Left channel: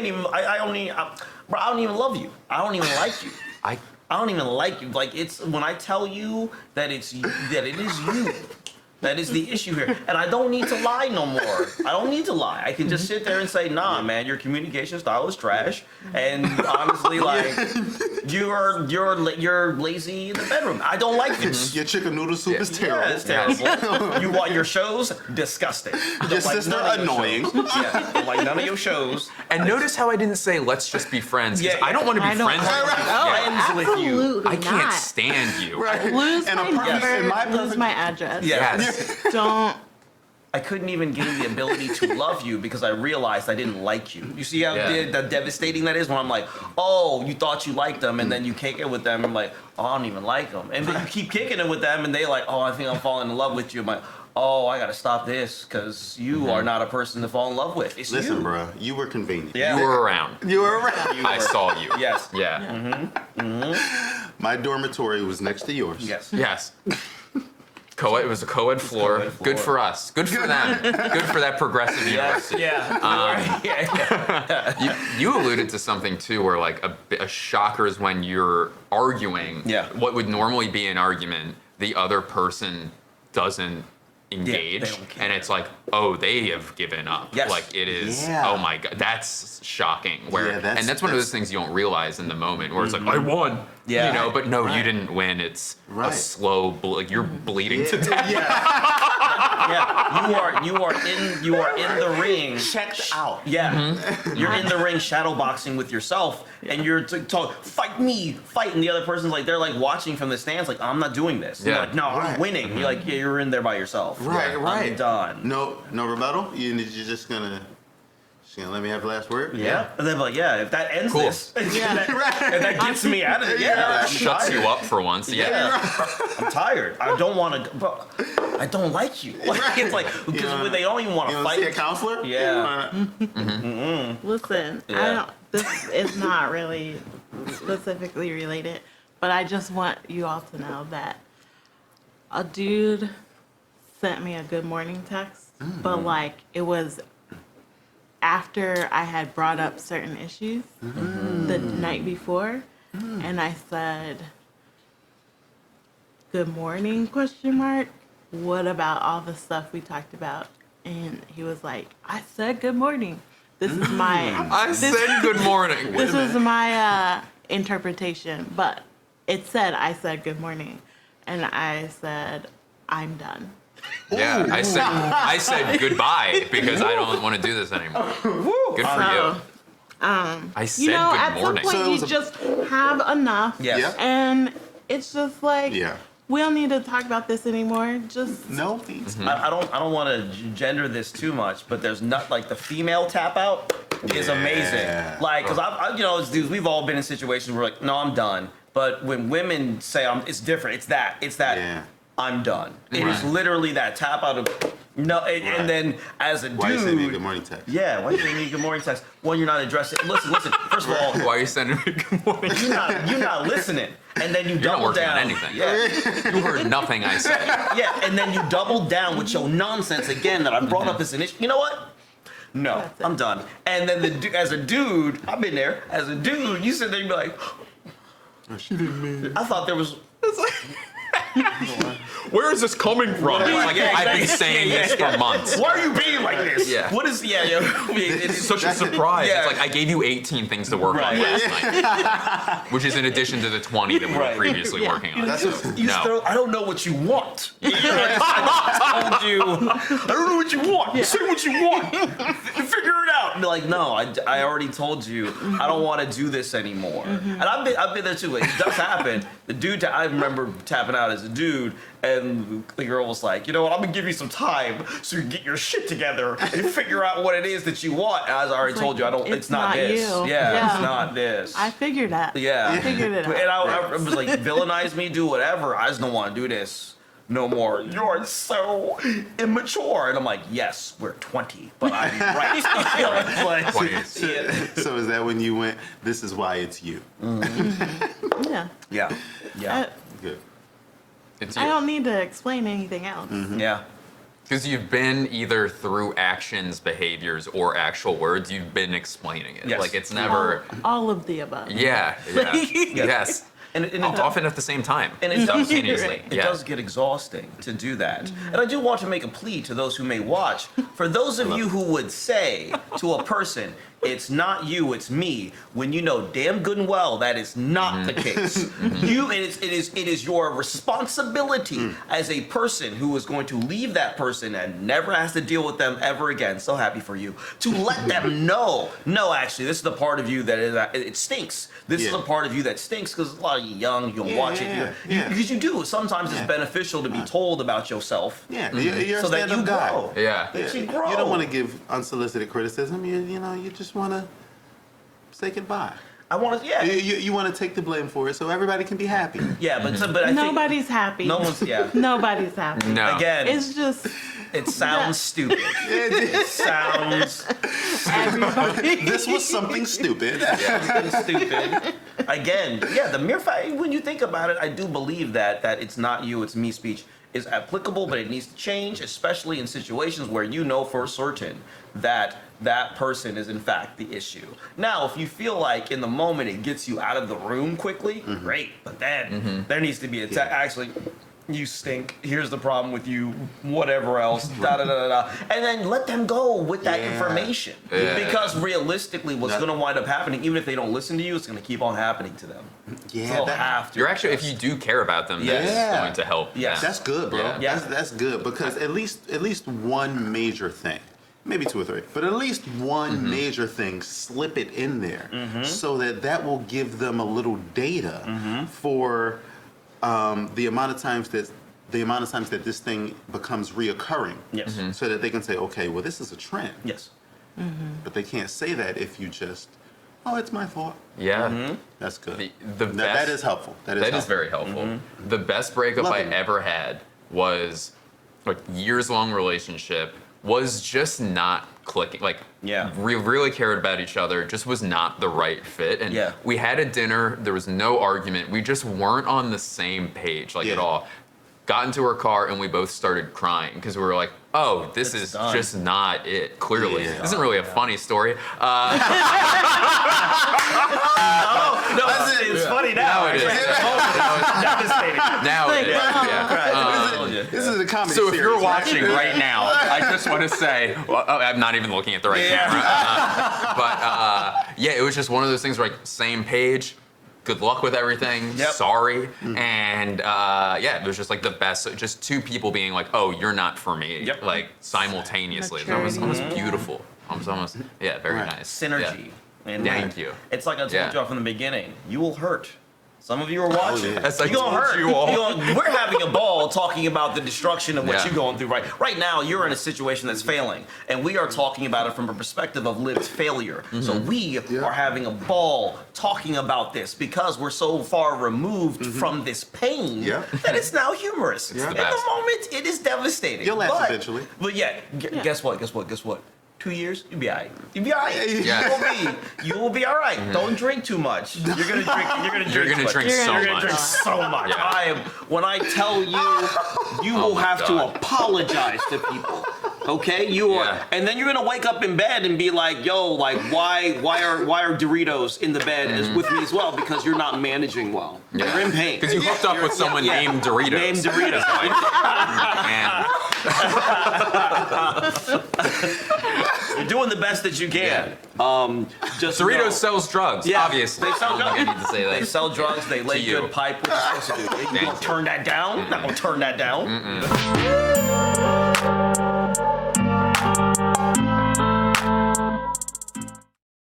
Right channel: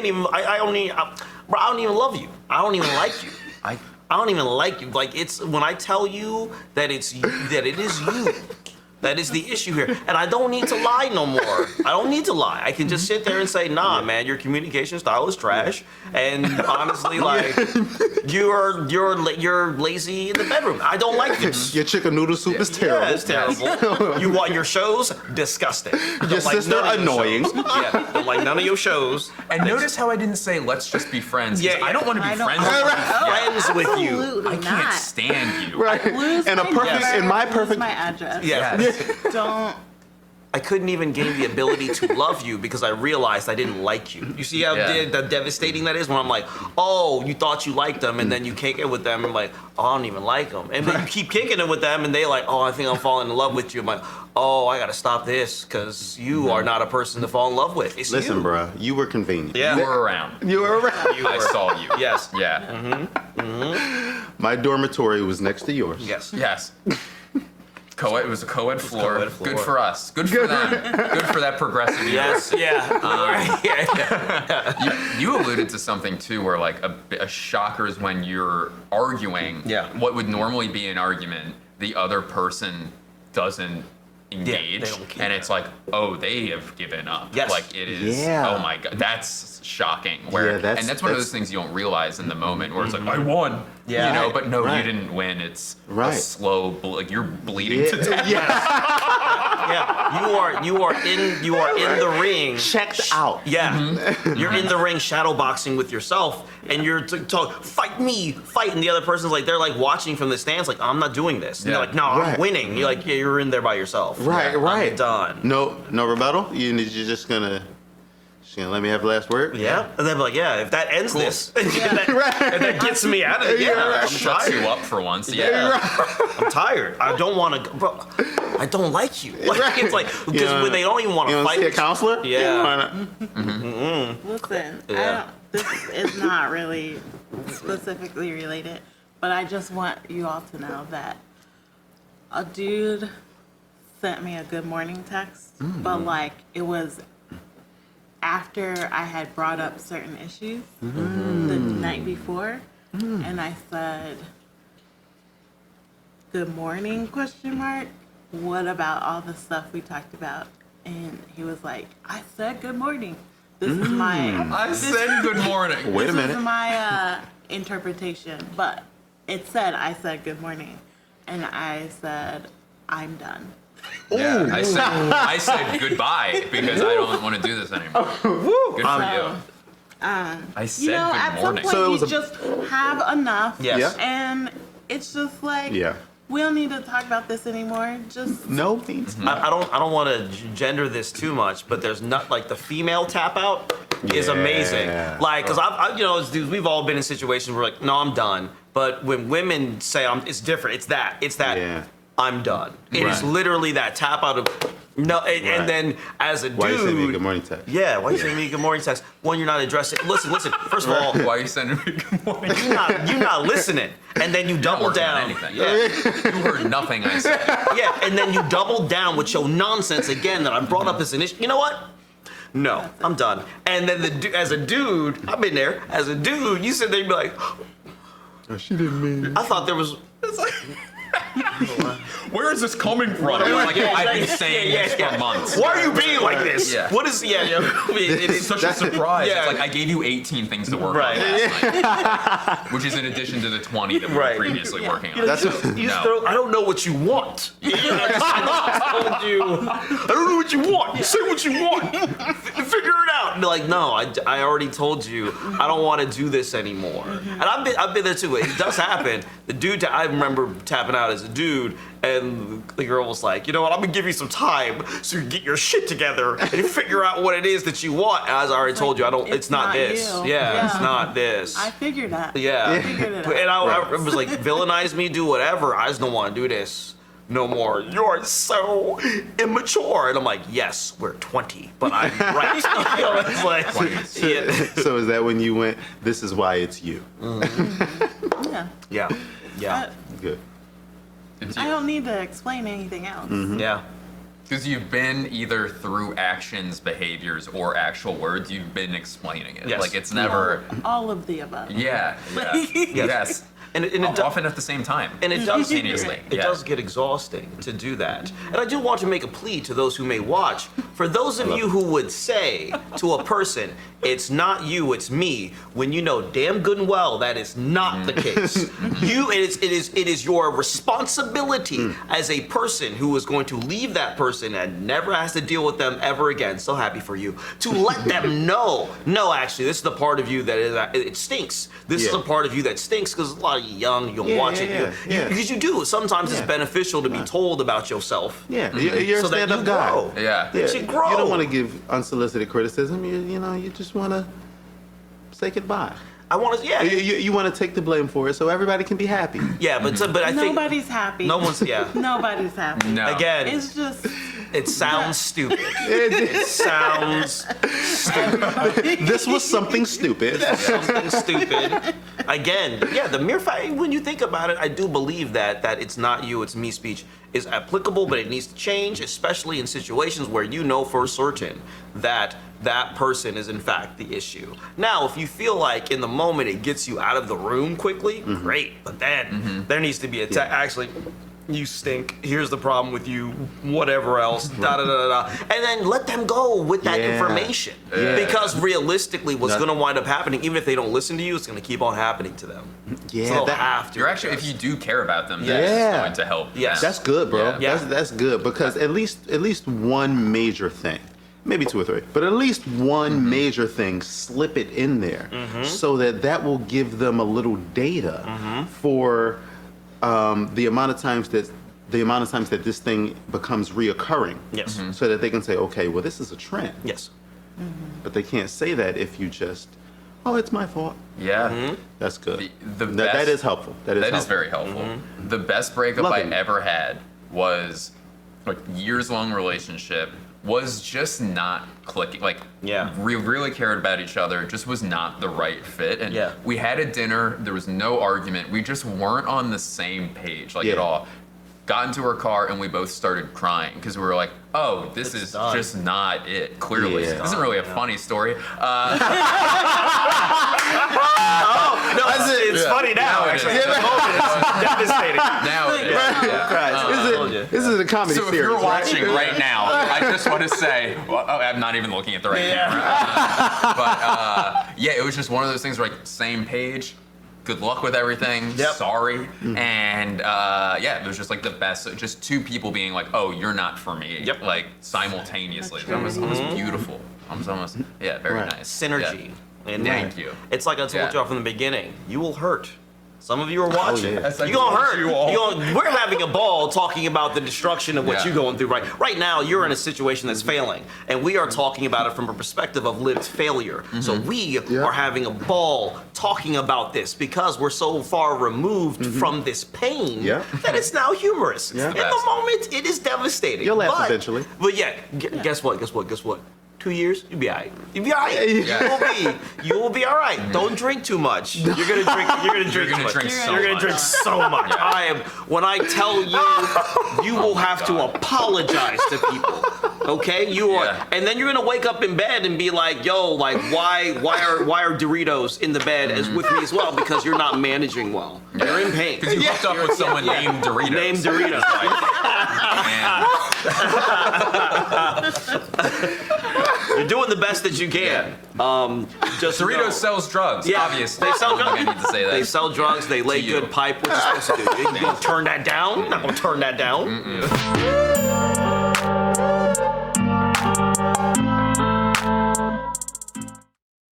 can't even. I don't even. Bro, I don't even love you. I don't even like you. I don't even like you. Like it's when I tell you that it's you, that it is you. That is the issue here. And I don't need to lie no more. I don't need to lie. I can just sit there and say, nah, man, your communication style is trash. And honestly, like, you're lazy in the bedroom. I don't like this. Your chicken noodle soup is terrible. Yeah, it's terrible. You want your shows? Disgusting. Your sister annoying. Yeah, don't like none of your shows. And notice how I didn't say, let's just be friends. 'Cause Yeah, I don't want to be friends with you. Absolutely I can't not. stand you. Right. Lose And a my perfect, number, in my lose perfect, my address. Yeah. Don't. I couldn't even gain the ability to love you because I realized I didn't like you. You see how devastating that is when I'm like, oh, you thought you liked them, and then you kick it with them, and like, oh, I don't even like them. And then you keep kicking it with them, and they like, oh, I think I'm falling in love with you. I'm like, oh, I gotta stop this because you are not a person to fall in love with. It's listen, you. bruh, you were convenient. Yeah. You were around. You were around. I saw you. Yes. Yeah. My dormitory was next to yours. Yes. Yes. It was a co-ed floor. co-ed floor. Good for us. Good for them. Good for that progressive Yes. university. Yeah. You alluded to something too, where like a shocker is when you're arguing. Yeah. What would normally be an argument, the other person doesn't engage, they don't care. and it's like, oh, they have given up. Yes. Like it is. Yeah. Oh my god, that's shocking. Where Yeah, that's- and that's one of that's- those things you don't realize in the moment, where it's like, I won. Yeah. You know, but no, Right. you didn't win. It's a Right. slow, like you're bleeding to death. Yeah. You are in the ring. Checked out. Yeah, you're in the ring shadow boxing with yourself, and you're talking, fight me, fight, and the other person's like, they're like watching from the stands, like, I'm not doing this. And Yeah. they're like, no, I'm Right. winning. You're like, yeah, you're in there by yourself. Right, right. I'm done. No rebuttal? You're just gonna let me have the last word? Yeah, and they're like, yeah, if that ends Cool. this, if that gets me out of it, yeah, I'm Shuts you tired. up for once. Yeah, I'm tired. I don't want to, bro. I don't like you. Like, it's like because when they don't even want You to want to fight. see a counselor? Yeah. Listen, I Yeah. don't. This is not really specifically related, but I just want you all to know that a dude sent me a good morning text, but like it was after I had brought up certain issues the night before, and I said, "Good morning?" question mark. What about all the stuff we talked about? And he was like, "I said good morning. This is my I said good morning. Wait a this is minute. my interpretation, but it said I said good morning, and I said I'm done." Yeah, I said goodbye because I don't want to do this anymore. Good for you. I said You know, at good some morning. point So it you was a- just have enough, Yes. Yeah. and it's just like Yeah. we don't need to talk about this anymore. Just No, please. I don't want to gender this too much, but there's not like the female tap out is amazing. Yeah. Like, cause I you know, as dudes, we've all been in situations where like, no, I'm done. But when women say it's different. It's that. Yeah. I'm done. It is Right. literally that tap out of no, and Right. then as a Why you send me a dude. good morning text? Yeah, why you sending me a good morning text when you're not addressing? Listen. First of all, Why are you sending me good morning? you're not listening, and then you Not double working on down. anything. Yeah. You heard nothing I said. Yeah, and then you double down with your nonsense again that I brought up as an issue. You know what? No, I'm done. And then as a dude, I've been there. As a dude, you sit there and be like, Oh, she didn't mean I thought there was. It's like, where is this coming from? What are you- Like, yeah, I've been exactly. saying Yeah, this yeah. for months. Why are you being like this? Yeah. What is? Yeah. It's such a surprise. Yeah. It's like I gave you 18 things to work Right. on last night, which is in addition to the 20 that we were Right. previously working on. That's You No. throw, I don't know what you want. I just told you. I don't know what you want. Say what you want. Figure it out. And be like, no, I already told you. I don't want to do this anymore. And I've been there too. It does happen. The dude, I remember tapping out as a dude, and the girl was like, you know what? I'm gonna give you some time so you can get your shit together and figure out what it is that you want. And as I already told you, I don't. It's not not this. you. Yeah, Yeah. it's not this. I figured that. Yeah. I figured it out. And I was like, villainize me, do whatever. I just don't want to do this no more. You're so immature. And I'm like, yes, we're 20, but I'm right. It's like, yeah. So is that when you went, this is why it's you? Yeah. Yeah. I, Good. It's I you. don't need to explain anything else. Yeah. Because you've been either through actions, behaviors, or actual words, you've been explaining it. Yes. Like it's never. all of the above. Yeah. Yes. And it Often at the same time. And it does simultaneously. It does get exhausting to do that. And I do want to make a plea to those who may watch. For those of you who would say to a person, it's not you, it's me, when you know damn good and well that is not the case. It is your responsibility as a person who is going to leave that person and never has to deal with them ever again. So happy for you. To let them know, no, actually, this is the part of you that is it stinks. This is a part of you that stinks because a lot of you young, you'll watch it. Because you do. Sometimes it's beneficial to be told about yourself. Yeah, you're So a that you stand-up guy. grow. Yeah. That you grow. You don't want to give unsolicited criticism. You just want to say goodbye. I want to, You want to take the blame for it so everybody can be happy. yeah, but I think Nobody's happy. no one's, Nobody's happy. No. Again, It's just it sounds stupid. It sounds This was something stupid. something stupid. Again, yeah, the mere fact, when you think about it, I do believe that it's not you, it's me speech is applicable, but it needs to change, especially in situations where you know for certain that that person is in fact the issue. Now, if you feel like in the moment it gets you out of the room quickly, great, but then there needs to be actually, you stink, here's the problem with you, whatever else, da da da da, and then let them go with that information. Because realistically, what's going to wind up happening, even if they don't listen to you, it's going to keep on happening to them. Yeah, So they'll that- have to. You're actually, if you do care about them, Yes. that's going to help. Yes. That's good, bro. Yeah. That's good because at least one major thing, maybe two or three, but at least one major thing, slip it in there so that will give them a little data for the amount of times that this thing becomes reoccurring. Yes. So that they can say, okay, well, this is a trend. Yes. But they can't say that if you just, oh, it's my fault. Yeah. That's good. The That best- is helpful. That is That is helpful. very helpful. The best breakup I Loving. ever had was a years-long relationship. Was just not clicking. Like, Yeah. we really cared about each other. It just was not the right fit. And Yeah. we had a dinner. There was no argument. We just weren't on the same page, like at Yeah. all. Got into her car and we both started crying because we were like, "Oh, this It's is done. just not it." Clearly, Yeah. this isn't really a funny story. No, it's funny now. Now it is. Actually, at the moment, it's devastating. Now, it is, yeah. This is a comedy So if series, you're right? watching right now, I just want to say, well, I'm not even looking at the right camera. Yeah, it was just one of those things where like same page. Good luck with everything. Yep. Sorry. And yeah, it was just like the best. Just two people being like, "Oh, you're not for me." Yep. Like simultaneously. It was almost beautiful. Almost very Right. nice. Synergy. And Thank you. It's like I told Yeah. y'all from the beginning. You will hurt. Some of you are watching. yeah. As I You're gonna told hurt. you all. We're having a ball talking about the destruction of what Yeah. you're going through right now. You're in a situation that's failing, and we are talking about it from a perspective of Liv's failure. So we are having a ball talking about this because we're so far removed from this pain Yeah. that it's now humorous. Yeah. In the moment, it is devastating. You'll laugh But- eventually. But yeah, guess what? 2 years, you'll be all right. You'll be all right. Yeah. You will be all right. Don't drink too much. You're gonna drink. You're gonna drink. gonna too much. drink so You're gonna much. drink so much. Yeah. When I tell you, you will my have to God. apologize to people. Okay, you are, Yeah. and then you're gonna wake up in bed and be like, "Yo, like, why are Doritos in the bed as with me as well? Because you're not managing well. You're in pain. Because you hooked up with someone Yeah. named Doritos. Named Doritos. And You're doing the best that you can. Just Doritos know- sells drugs, Yeah, obviously. they sell I don't think I drugs. need to say that. They sell drugs. They lay To you. good pipe. What you supposed to do? You gonna turn that down? Not gonna turn that down.